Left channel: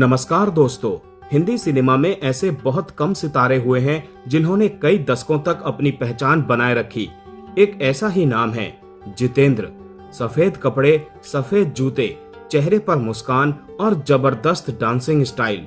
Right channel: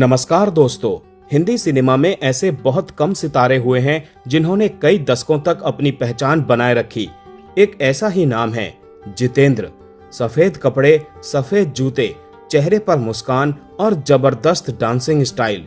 नमस्कार दोस्तों। हिंदी सिनेमा में ऐसे बहुत कम सितारे हुए हैं जिन्होंने कई दशकों तक अपनी पहचान बनाए रखी। एक ऐसा ही नाम है जितेंद्र। सफेद कपड़े, सफेद जूते, चेहरे पर मुस्कान और जबरदस्त डांसिंग स्टाइल।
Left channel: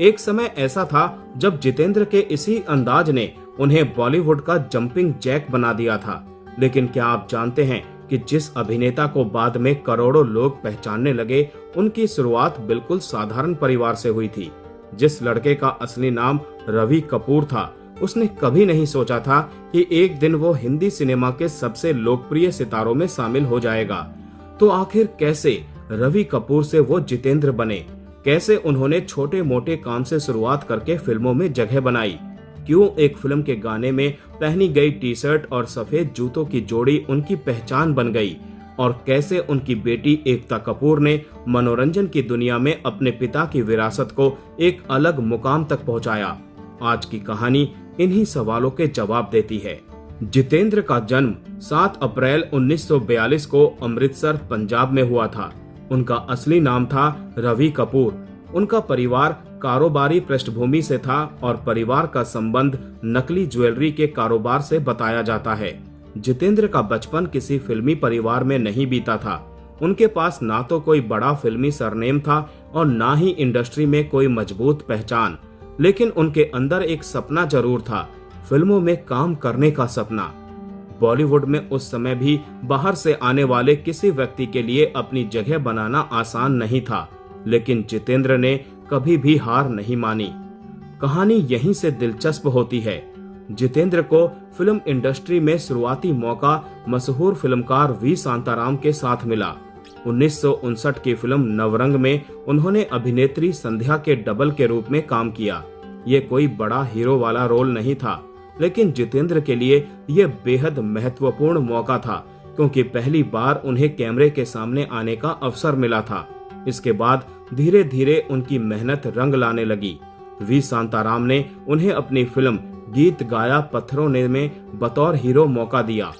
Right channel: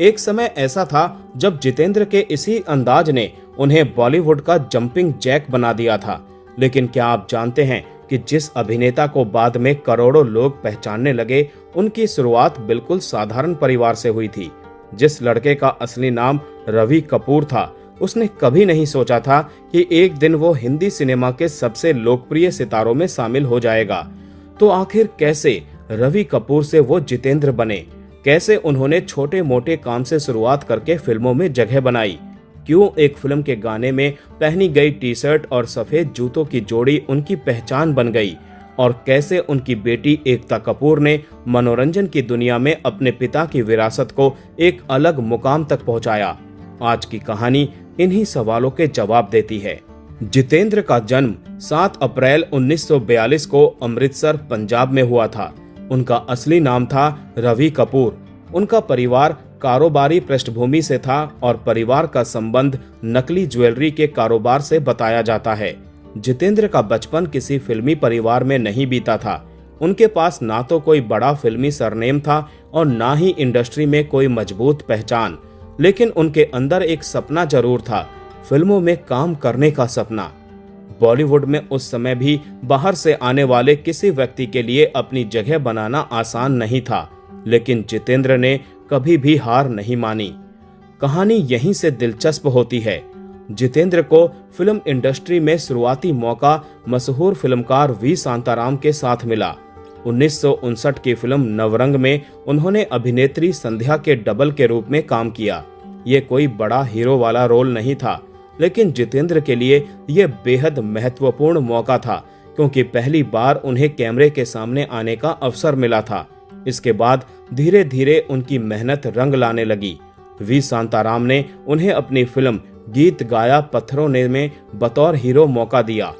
एक समय ऐसा था जब जितेंद्र के इसी अंदाज ने उन्हें बॉलीवुड का जंपिंग जैक बना दिया था। लेकिन क्या आप जानते हैं कि जिस अभिनेता को बाद में करोड़ों लोग पहचानने लगे, उनकी शुरुआत बिल्कुल साधारण परिवार से हुई थी। जिस लड़के का असली नाम रवि कपूर था, उसने कभी नहीं सोचा था कि एक दिन वो हिंदी सिनेमा के सबसे लोकप्रिय सितारों में शामिल हो जाएगा। तो आखिर कैसे रवि कपूर से वो जितेंद्र बने? कैसे उन्होंने छोटे मोटे काम से शुरुआत करके फिल्मों में जगह बनाई? क्यों एक फिल्म के गाने में पहनी गई टी शर्ट और सफेद जूतों की जोड़ी उनकी पहचान बन गई? और कैसे उनकी बेटी एकता कपूर ने मनोरंजन की दुनिया में अपने पिता की विरासत को एक अलग मुकाम तक पहुंचाया? आज की कहानी इन्हीं सवालों के जवाब देती है। जितेंद्र का जन्म 7 अप्रैल 1942 को अमृतसर, पंजाब में हुआ था। उनका असली नाम था रवि कपूर। उनका परिवार कारोबारी पृष्ठभूमि से था और परिवार का संबंध नकली ज्वेलरी के कारोबार से बताया जाता है। जितेंद्र का बचपन किसी फिल्मी परिवार में नहीं बीता था। उनके पास ना तो कोई बड़ा फिल्मी सरनेम था और ना ही इंडस्ट्री में कोई मजबूत पहचान। लेकिन उनके अंदर एक सपना जरूर था, फिल्मों में काम करने का सपना। बॉलीवुड में उस समय भी बाहर से आने वाले किसी व्यक्ति के लिए अपनी जगह बनाना आसान नहीं था, लेकिन जितेंद्र ने कभी भी हार नहीं मानी। कहानी यहीं से दिलचस्प होती है। जितेंद्र को फिल्म इंडस्ट्री में शुरुआती मौका मशहूर फिल्मकार वी शांताराम के साथ मिला। 1959 की फिल्म नवरंग में उन्होंने अभिनेत्री संध्या के डबल के रूप में काम किया। ये कोई बड़ा हीरो वाला रोल नहीं था, लेकिन जितेंद्र के लिए यह बेहद महत्वपूर्ण मौका था, क्योंकि पहली बार उन्हें कैमरे के सामने आने का अवसर मिला था। इसके बाद धीरे धीरे उनकी मेहनत रंग लाने लगी। वी शांताराम ने उन्हें अपनी फिल्म गीत गाया पत्थरों ने में बतौर हीरो मौका दिया।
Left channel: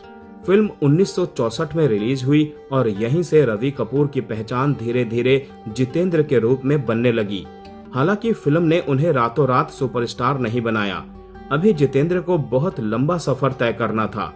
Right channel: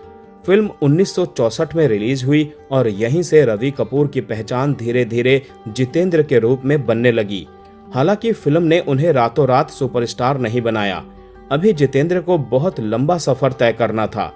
फिल्म 1964 में रिलीज हुई और यहीं से रवि कपूर की पहचान धीरे धीरे जितेंद्र के रूप में बनने लगी। हालांकि फिल्म ने उन्हें रातों रात सुपरस्टार नहीं बनाया। अभी जितेंद्र को बहुत लंबा सफर तय करना था।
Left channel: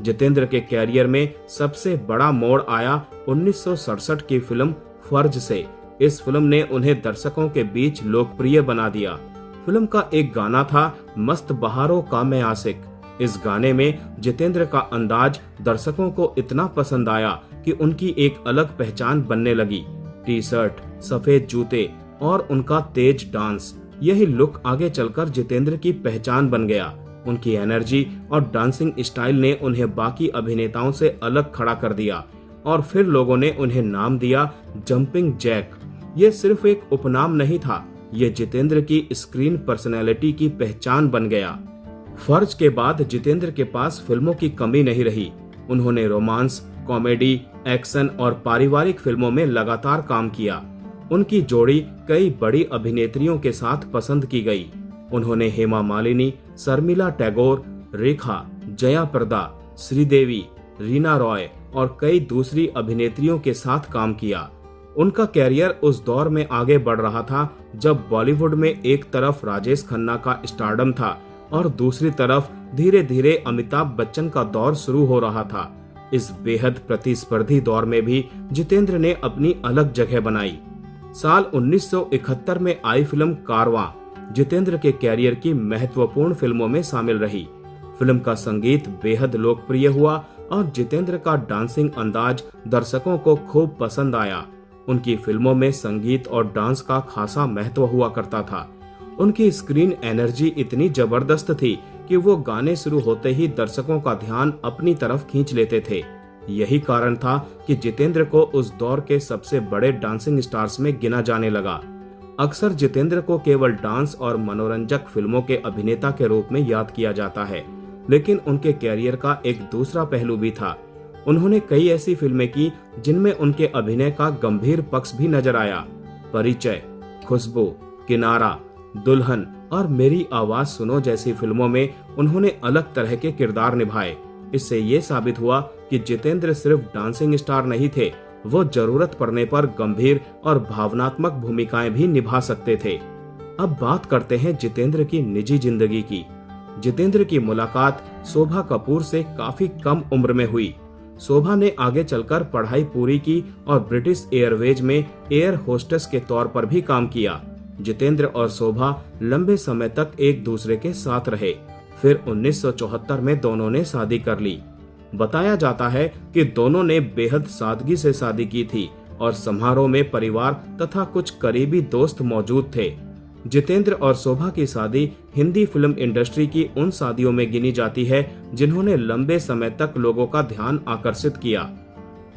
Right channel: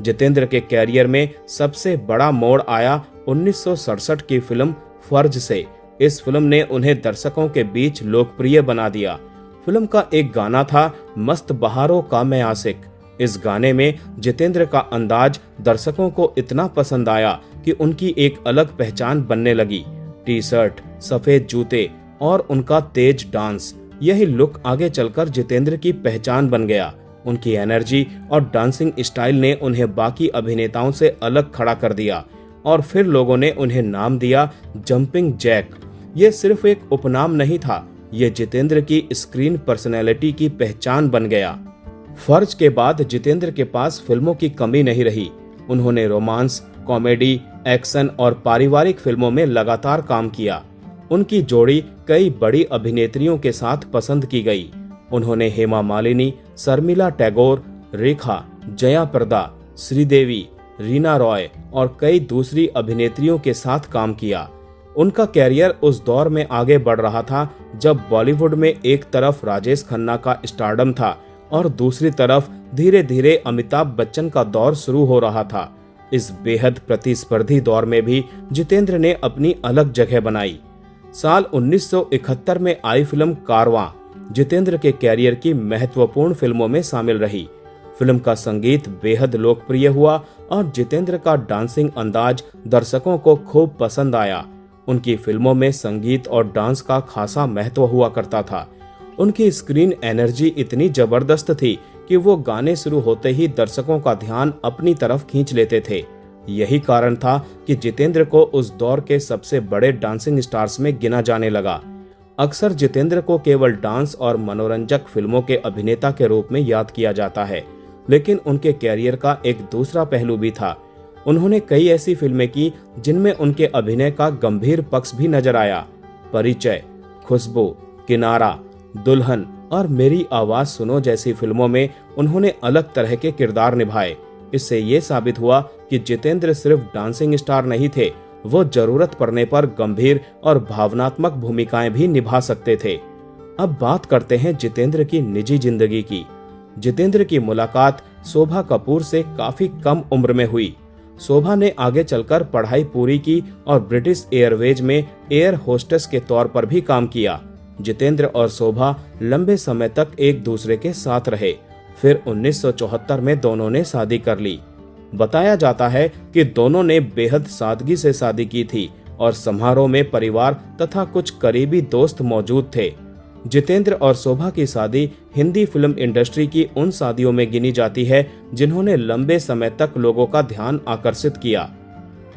जितेंद्र के कैरियर में सबसे बड़ा मोड़ आया 1967 की फिल्म फर्ज से। इस फिल्म ने उन्हें दर्शकों के बीच लोकप्रिय बना दिया। फिल्म का एक गाना था मस्त बहारों का मैं आशिक। इस गाने में जितेंद्र का अंदाज दर्शकों को इतना पसंद आया कि उनकी एक अलग पहचान बनने लगी। टी शर्ट, सफेद जूते और उनका तेज डांस, यही लुक आगे चलकर जितेंद्र की पहचान बन गया। उनकी एनर्जी और डांसिंग स्टाइल ने उन्हें बाकी अभिनेताओं से अलग खड़ा कर दिया और फिर लोगों ने उन्हें नाम दिया जंपिंग जैक। ये सिर्फ एक उपनाम नहीं था, ये जितेंद्र की स्क्रीन पर्सनैलिटी की पहचान बन गया। फर्ज के बाद जितेंद्र के पास फिल्मों की कमी नहीं रही। उन्होंने रोमांस, कॉमेडी, एक्शन और पारिवारिक फिल्मों में लगातार काम किया। उनकी जोड़ी कई बड़ी अभिनेत्रियों के साथ पसंद की गई। उन्होंने हेमा मालिनी, शर्मिला टैगोर, रेखा, जया प्रदा, श्रीदेवी, रीना रॉय और कई दूसरी अभिनेत्रियों के साथ काम किया। उनका कैरियर उस दौर में आगे बढ़ रहा था जब बॉलीवुड में एक तरफ राजेश खन्ना का स्टारडम था और दूसरी तरफ धीरे धीरे अमिताभ बच्चन का दौर शुरू हो रहा था। इस बेहद प्रतिस्पर्धी दौर में भी जितेंद्र ने अपनी अलग जगह बनाई। साल 1971 में आई फिल्म कारवां जितेंद्र के कैरियर की महत्वपूर्ण फिल्मों में शामिल रही। फिल्म का संगीत बेहद लोकप्रिय हुआ और जितेंद्र का डांसिंग अंदाज दर्शकों को खूब पसंद आया। उनकी फिल्मों में संगीत और डांस का खासा महत्व हुआ करता था। उनकी स्क्रीन एनर्जी इतनी जबरदस्त थी कि वो गाने शुरू होते ही दर्शकों का ध्यान अपनी तरफ खींच लेते थे। यही कारण था कि जितेंद्र को उस दौर के सबसे बड़े डांसिंग स्टार्स में गिना जाने लगा। अक्सर जितेंद्र को केवल डांस और मनोरंजक फिल्मों के अभिनेता के रूप में याद किया जाता है, लेकिन उनके कैरियर का एक दूसरा पहलू भी था। उन्होंने कई ऐसी फिल्में की जिनमें उनके अभिनय का गंभीर पक्ष भी नजर आया। परिचय, खुशबू, किनारा, दुल्हन और मेरी आवाज सुनो जैसी फिल्मों में उन्होंने अलग तरह के किरदार निभाए। इससे ये साबित हुआ कि जितेंद्र सिर्फ डांसिंग स्टार नहीं थे, वो जरूरत पड़ने पर गंभीर और भावनात्मक भूमिकाएं भी निभा सकते थे। अब बात करते हैं जितेंद्र की निजी जिंदगी की। जितेंद्र की मुलाकात शोभा कपूर से काफी कम उम्र में हुई। शोभा ने आगे चलकर पढ़ाई पूरी की और ब्रिटिश एयरवेज में एयर होस्टेस के तौर पर भी काम किया। जितेंद्र और शोभा लंबे समय तक एक दूसरे के साथ रहे। फिर 1974 में दोनों ने शादी कर ली। बताया जाता है कि दोनों ने बेहद सादगी से शादी की थी और समारोह में परिवार तथा कुछ करीबी दोस्त मौजूद थे। जितेंद्र और शोभा की शादी हिंदी फिल्म इंडस्ट्री की उन शादियों में गिनी जाती है जिन्होंने लंबे समय तक लोगों का ध्यान आकर्षित किया।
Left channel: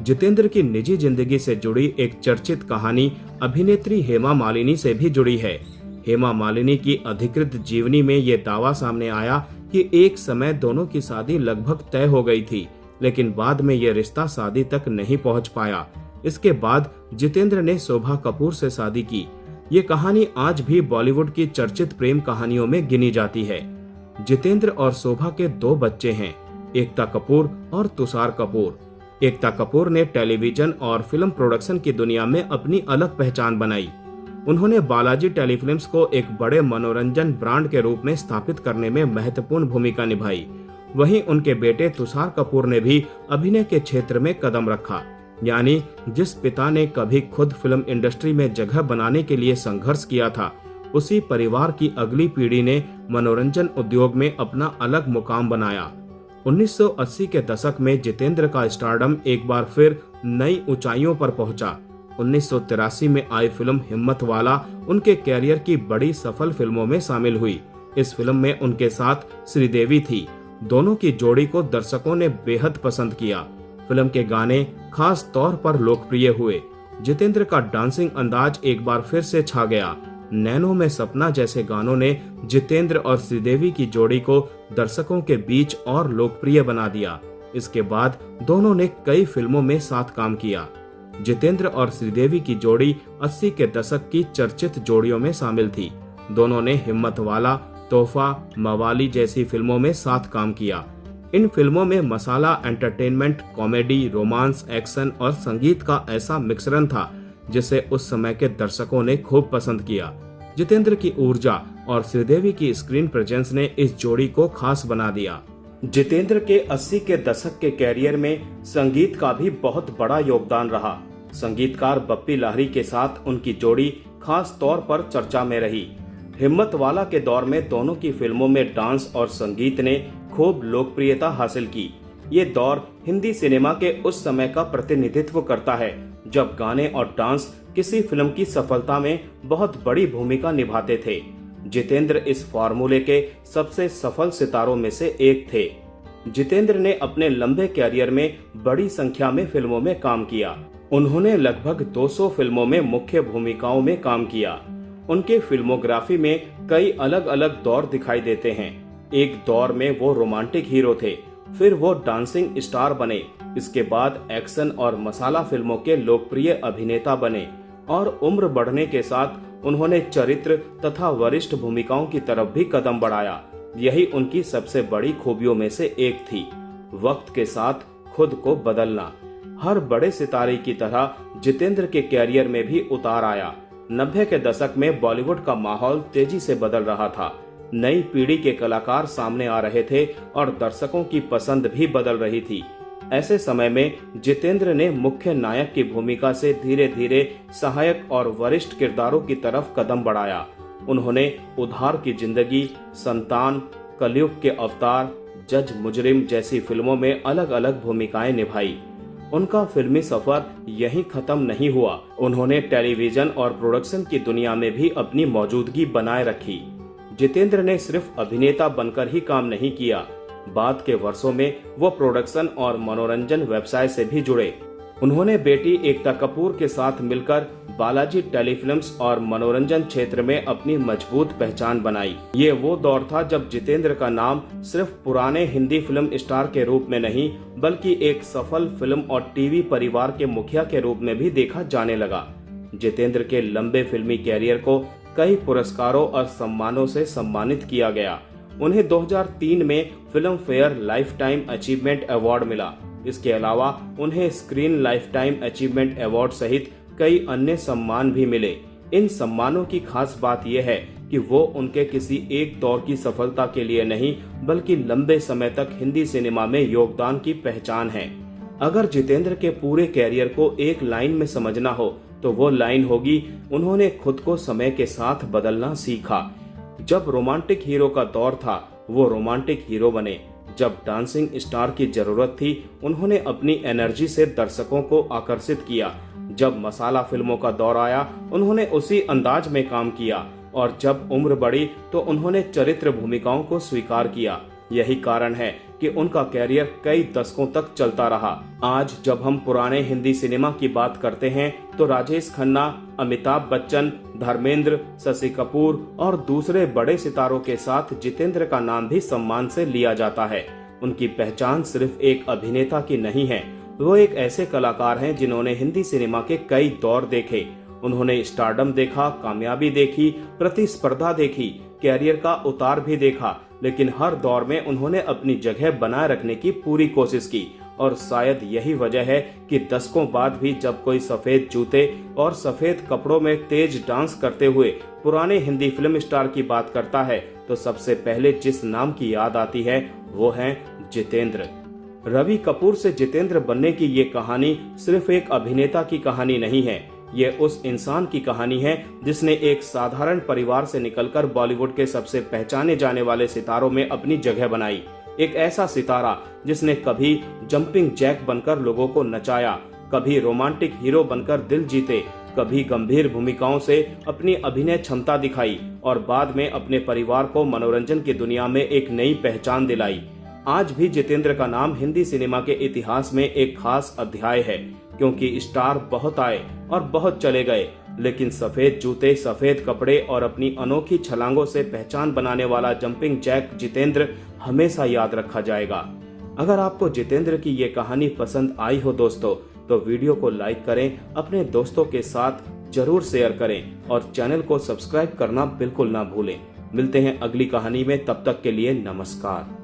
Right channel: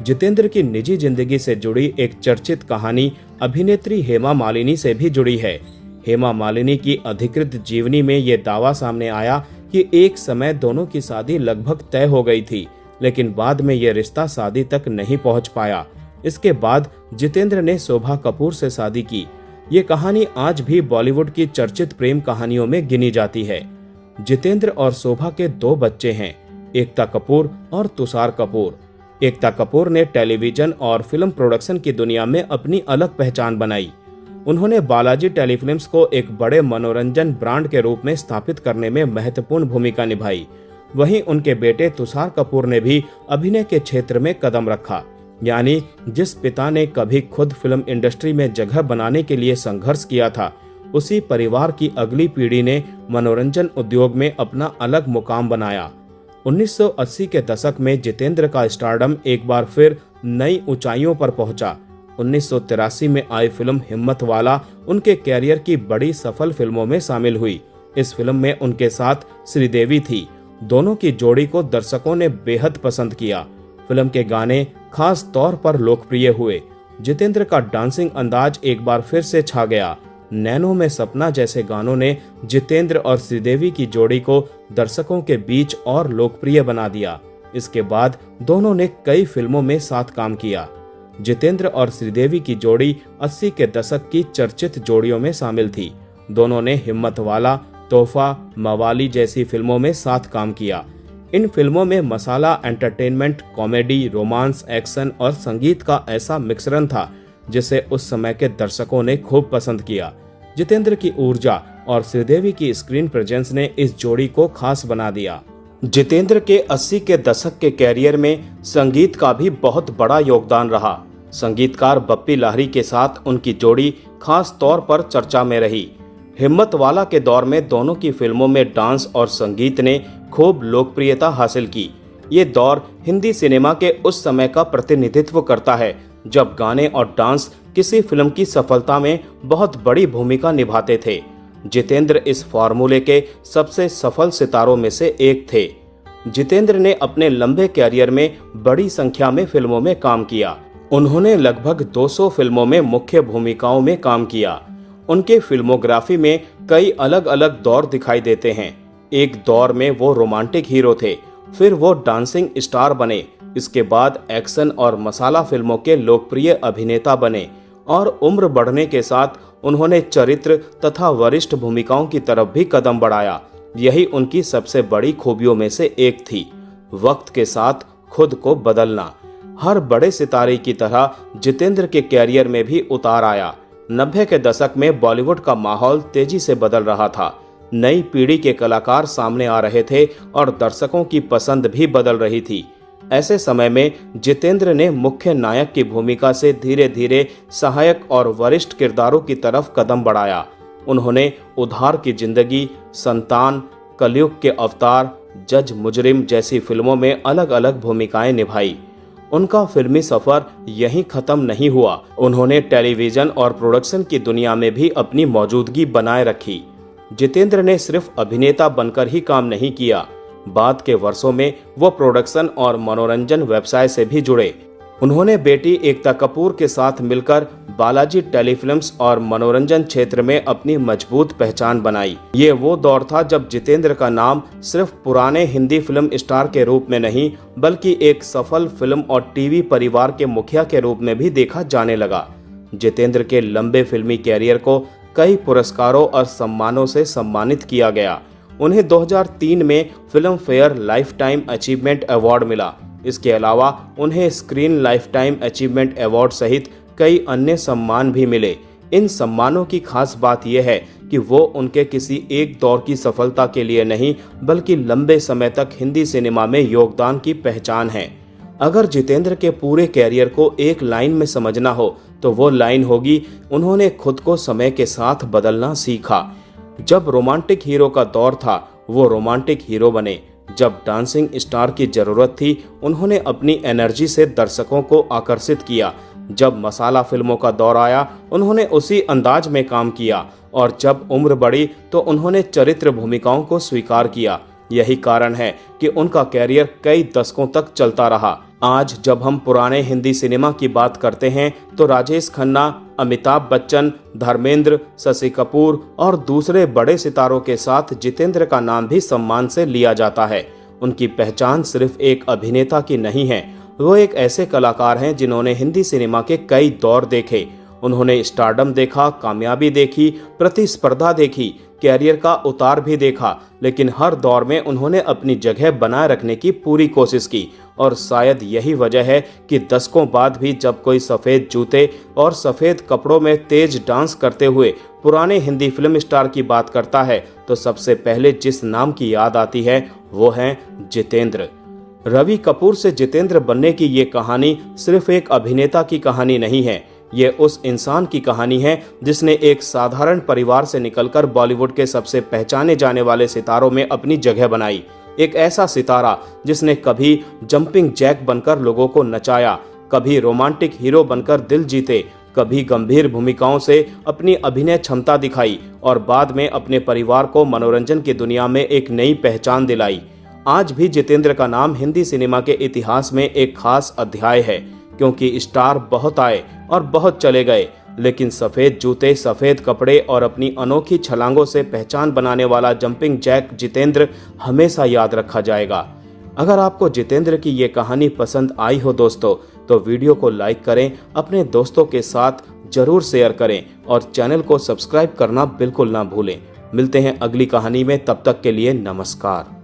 जितेंद्र की निजी जिंदगी से जुड़ी एक चर्चित कहानी अभिनेत्री हेमा मालिनी से भी जुड़ी है। हेमा मालिनी की अधिकृत जीवनी में ये दावा सामने आया कि एक समय दोनों की शादी लगभग तय हो गई थी, लेकिन बाद में यह रिश्ता शादी तक नहीं पहुंच पाया। इसके बाद जितेंद्र ने शोभा कपूर से शादी की। ये कहानी आज भी बॉलीवुड की चर्चित प्रेम कहानियों में गिनी जाती है। जितेंद्र और शोभा के 2 बच्चे हैं, एकता कपूर और तुषार कपूर। एकता कपूर ने टेलीविजन और फिल्म प्रोडक्शन की दुनिया में अपनी अलग पहचान बनाई। उन्होंने बालाजी टेलीफिल्म्स को एक बड़े मनोरंजन ब्रांड के रूप में स्थापित करने में महत्वपूर्ण भूमिका निभाई। वहीं उनके बेटे तुषार कपूर ने भी अभिनय के क्षेत्र में कदम रखा। यानी जिस पिता ने कभी खुद फिल्म इंडस्ट्री में जगह बनाने के लिए संघर्ष किया था, उसी परिवार की अगली पीढ़ी ने मनोरंजन उद्योग में अपना अलग मुकाम बनाया। 1980 के दशक में जितेंद्र का स्टारडम एक बार फिर नई ऊंचाइयों पर पहुंचा। 1983 में आई फिल्म हिम्मत वाला उनके कैरियर की बड़ी सफल फिल्मों में शामिल हुई। इस फिल्म में उनके साथ श्रीदेवी थी। दोनों की जोड़ी को दर्शकों ने बेहद पसंद किया। फिल्म के गाने खास तौर पर लोकप्रिय हुए। जितेंद्र का डांसिंग अंदाज एक बार फिर से छा गया। नैनो में सपना जैसे गानों ने जितेंद्र और श्रीदेवी की जोड़ी को दर्शकों के बीच और लोकप्रिय बना दिया। इसके बाद दोनों ने कई फिल्मों में साथ काम किया। जितेंद्र और श्रीदेवी की जोड़ी 80 के दशक की चर्चित जोड़ियों में शामिल थी। दोनों ने हिम्मत वाला, तोहफा, मवाली जैसी फिल्मों में साथ काम किया। इन फिल्मों में मसाला एंटरटेनमेंट, कॉमेडी, रोमांस, एक्शन और संगीत का ऐसा मिश्रण था जिसे उस समय के दर्शकों ने खूब पसंद किया। जितेंद्र की ऊर्जा और श्रीदेवी की स्क्रीन प्रेजेंस ने इस जोड़ी को खास बना दिया। जितेंद्र के 80 के दशक के कैरियर में संगीत का भी बहुत बड़ा योगदान रहा। संगीतकार बप्पी लाहिरी के साथ उनकी जोड़ी खास तौर पर चर्चा में रही। हिम्मत वाला के दौर में दोनों की फिल्मों में डांस और संगीत ने खूब लोकप्रियता हासिल की। ये दौर हिंदी सिनेमा के उस समय का प्रतिनिधित्व करता है जब गाने और डांस किसी फिल्म की सफलता में बहुत बड़ी भूमिका निभाते थे। जितेंद्र इस फॉर्मूले के सबसे सफल सितारों में से एक थे। जितेंद्र ने अपने लंबे कैरियर में बड़ी संख्या में फिल्मों में काम किया। उन्होंने लगभग 200 फिल्मों में मुख्य भूमिकाओं में काम किया। उनके फिल्मोग्राफी में कई अलग अलग दौर दिखाई देते हैं। एक दौर में वो रोमांटिक हीरो थे, फिर वो डांसिंग स्टार बने, इसके बाद एक्शन और मसाला फिल्मों के लोकप्रिय अभिनेता बने और उम्र बढ़ने के साथ उन्होंने चरित्र तथा वरिष्ठ भूमिकाओं की तरफ भी कदम बढ़ाया। यही उनकी सबसे बड़ी खूबियों में से एक थी, वक्त के साथ खुद को बदलना। हर बड़े सितारे की तरह जितेंद्र के कैरियर में भी उतार आया। 90 के दशक में बॉलीवुड का माहौल तेजी से बदल रहा था। नई पीढ़ी के कलाकार सामने आ रहे थे और दर्शकों की पसंद भी बदल रही थी। ऐसे समय में जितेंद्र ने मुख्य नायक की भूमिका से धीरे धीरे सहायक और वरिष्ठ किरदारों की तरफ कदम बढ़ाया। उन्होंने उधार की जिंदगी, संतान, कलयुग के अवतार, जज मुजरिम जैसी फिल्मों में अलग अलग भूमिकाएं निभाई। उनका फिल्मी सफर यहीं खत्म नहीं हुआ। उन्होंने टेलीविजन और प्रोडक्शन की दुनिया में भी अपनी मौजूदगी बनाए रखी। जितेंद्र ने सिर्फ अभिनेता बनकर ही काम नहीं किया, बाद के वर्षों में वो प्रोडक्शन और मनोरंजन व्यवसाय से भी जुड़े। उन्होंने बेटी एकता कपूर के साथ मिलकर बालाजी टेलीफिल्म्स और मनोरंजन क्षेत्र में अपनी मजबूत पहचान बनाई। ये वो दौर था जब जितेंद्र का नाम सिर्फ पुराने हिंदी फिल्म स्टार के रूप में नहीं, बल्कि एक सफल फिल्म और टीवी परिवार के मुखिया के रूप में भी देखा जाने लगा। जितेंद्र के लंबे फिल्मी कैरियर को कई पुरस्कारों और सम्मानों से सम्मानित किया गया। उन्हें 2003 में film fair life time achievement award मिला। इसके अलावा उन्हें स्क्रीन लाइफटाइम अचीवमेंट अवार्ड सहित कई अन्य सम्मान भी मिले। इन सम्मानों की खास बात यह है कि वो उनके किसी एक दौर की सफलता के लिए नहीं, बल्कि लंबे समय तक हिंदी सिनेमा में योगदान की पहचान है। अगर जितेंद्र के पूरे कैरियर को एक लाइन में समझना हो तो वो लाइन होगी, उन्होंने खुद को समय के साथ बदलना सीखा। जब रोमांटिक हीरो का दौर था वो रोमांटिक हीरो बने। जब डांसिंग स्टार की जरूरत थी उन्होंने अपनी एनर्जी से दर्शकों को आकर्षित किया। जब मसाला फिल्मों का दौर आया उन्होंने उसी अंदाज में काम किया, और जब उम्र बढ़ी तो उन्होंने चरित्र भूमिकाओं को स्वीकार किया। यही कारण है कि उनका कैरियर कई दशकों तक चलता रहा। आज जब हम पुराने हिंदी सिनेमा की बात करते हैं तो राजेश खन्ना, अमिताभ बच्चन, धर्मेंद्र, शशि कपूर और दूसरे बड़े सितारों के साथ जितेंद्र का नाम भी सम्मान से लिया जाता है। उनकी पहचान सिर्फ एक अभिनेता की नहीं है, वो एक ऐसे कलाकार हैं जिन्होंने हिंदी सिनेमा के कई दौर देखे। उन्होंने स्टारडम देखा, कामयाबी देखी, प्रतिस्पर्धा देखी, कैरियर का उतार भी देखा, लेकिन हर दौर में उन्होंने अपनी जगह बनाए रखने की पूरी कोशिश की। और शायद यही वजह है कि दशकों बाद भी जब कोई सफेद जूते और सफेद कपड़ों में तेज डांस करते हुए पुराने हिंदी फिल्म स्टार की बात करता है तो सबसे पहले जिस नाम की याद आती है वो है जितेंद्र। रवि कपूर से जितेंद्र बनने की ये कहानी सिर्फ एक अभिनेता की कहानी नहीं है, ये उस इंसान की कहानी है जिसने एक साधारण परिवार से निकलकर बॉलीवुड के सबसे पहचाने जाने वाले सितारों में अपनी जगह बनाई। एक ऐसा सितारा जिसने कभी जंपिंग जैक बनकर लोगों को नचाया, कभी रोमांटिक हीरो बनकर दिल जीते, कभी गंभीर भूमिकाओं से अपनी अभिनय क्षमता दिखाई और बाद में अपने परिवार को मनोरंजन की दुनिया में एक नई पहचान दिलाई। आज भी जितेंद्र का नाम हिंदी सिनेमा के इतिहास में एक खास अध्याय है, क्योंकि स्टार बहुत आए और बहुत चले गए, लेकिन सफेद जूते, सफेद कपड़े और अपनी अनोखी छलांगों से पहचान बनाने वाला जंपिंग जैक जितेंद्र हमेशा याद रखा जाएगा। अगर आपको जितेंद्र की ये कहानी पसंद आई हो दोस्तों, तो वीडियो को लाइक करें, अपने दोस्तों के साथ जरूर शेयर करें और चैनल को सब्सक्राइब करना बिल्कुल ना भूलें। मिलते हैं अगली कहानी में, तब तक के लिए नमस्कार।